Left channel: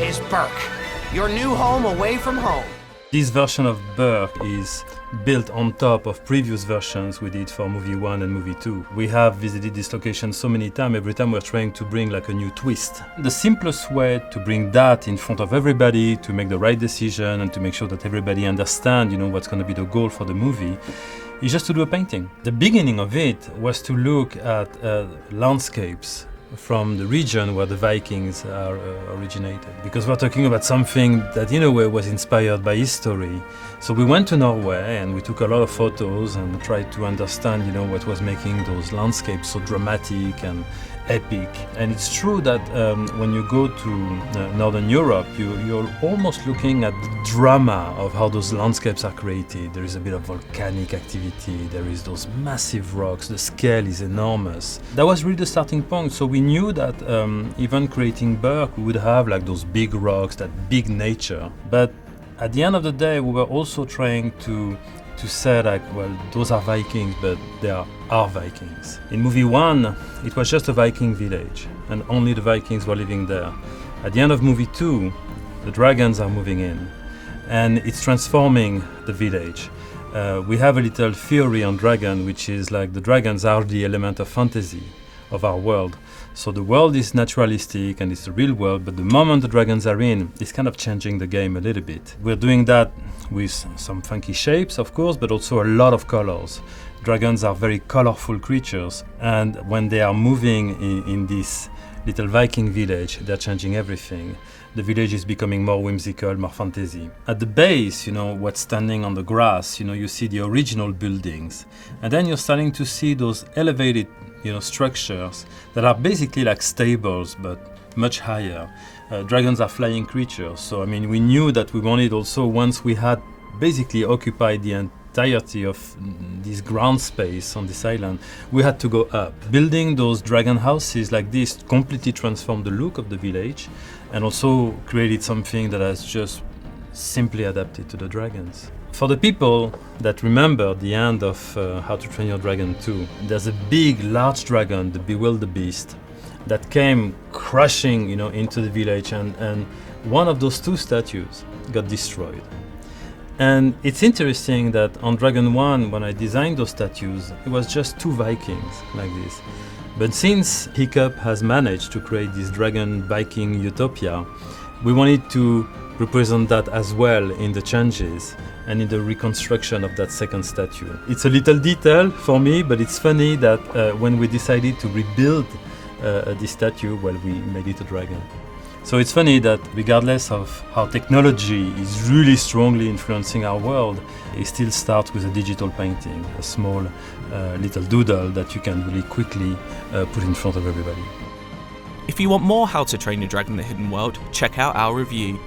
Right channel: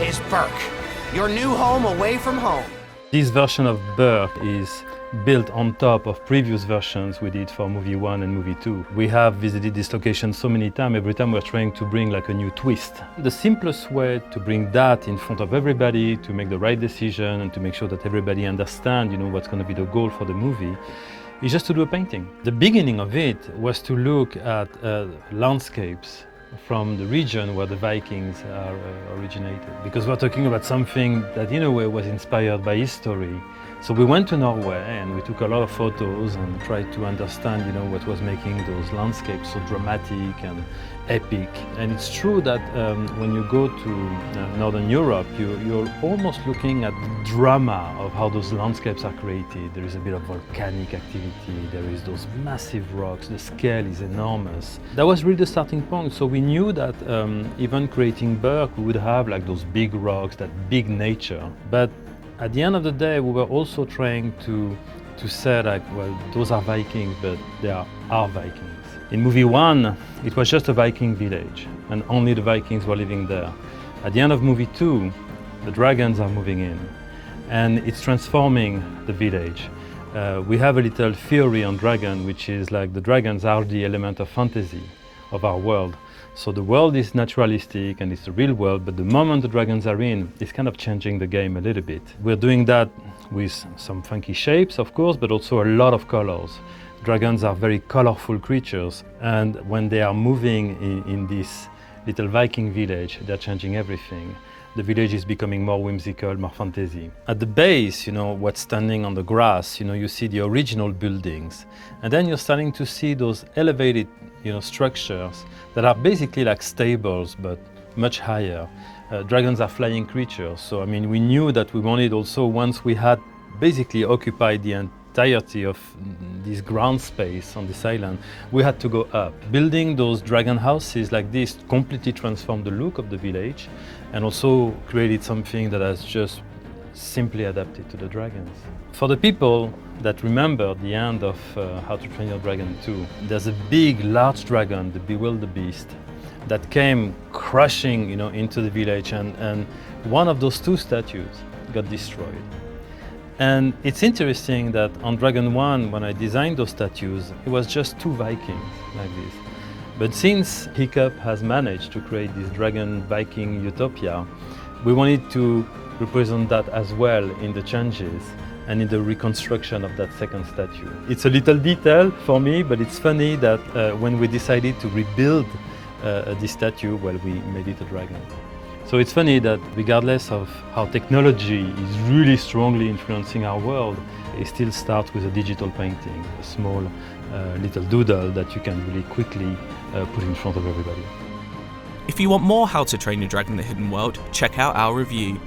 is Berk, your new home away from home. This version of Berk is built on top of previous versions we did for movie 1 and movie 2. We have visited this location so many times, every time we're trying to bring like a new twist. The simplest way to bring that in front of everybody, to make the right decision and to make sure that everybody understands, what's going to be the goal for the movie, is just to do a painting. The beginning of it was to look at landscapes from the region where the Vikings are originated. Because we're talking about something that in a way was inspired by history. So we went to Norway and we took a lot of photos and tried to understand, what was making those landscapes so dramatic and epic. And it's true that when you go to Northern Europe, you're almost looking at the drama of how those landscapes are created. There is a bit of volcanic activity, there is those massive rocks, the scale is enormous. That was really the starting point. So we knew that even creating Berk, we would have like those big rocks, that big nature. But at the end of the day, we were also trying to say like, well, those are Vikings, but they are our Vikings. In movie 1, it was just a Viking village, and only the Vikings were living there. At the end of movie 2, the dragons are moving in, and it's transforming the village. We have a little theory on dragon, which is like the dragons are the element of fantasy of our world. So the world is naturalistic and it's the real world, but the moment the dragons are in, it's kind of changing the game a little bit. We're doing that with some funky shapes, of course, but also a lot of colors. Dragons are very colorful creatures, and when they are moving in this little Viking village, they're changing everything. The village is becoming more whimsical, more fantasy. At the base, what's standing on the grass, you see the original buildings. And then you're starting to see those elevated, structures that are basically like stables, but much higher. Dragons are flying creatures. So, we knew that we wanted also, once we had basically occupied the entirety of this ground space on this island, we had to go up. Building those dragon houses like this completely transformed the look of the village and also created something that has just simply adapted to the dragons. For the people that remember the end of How to Train Your Dragon 2, there's a big, large dragon, the Bewilderbeast, that came crashing, into the village, and one of those 2 statues got destroyed. And it's interesting that on Dragon 1, when I designed those statues, it was just 2 Vikings like this. But since Hiccup has managed to create this dragon Viking utopia, we wanted to represent that as well in the changes and in the reconstruction of that second statue. It's a little detail for me, but it's funny that when we decided to rebuild this statue, well, we made it a dragon. So it's funny that regardless of how technology is really strongly influencing our world, it still starts with a digital painting, a small little doodle that you can really quickly put in front of everybody. If you want more How to Train Your Dragon: The Hidden World, check out our review.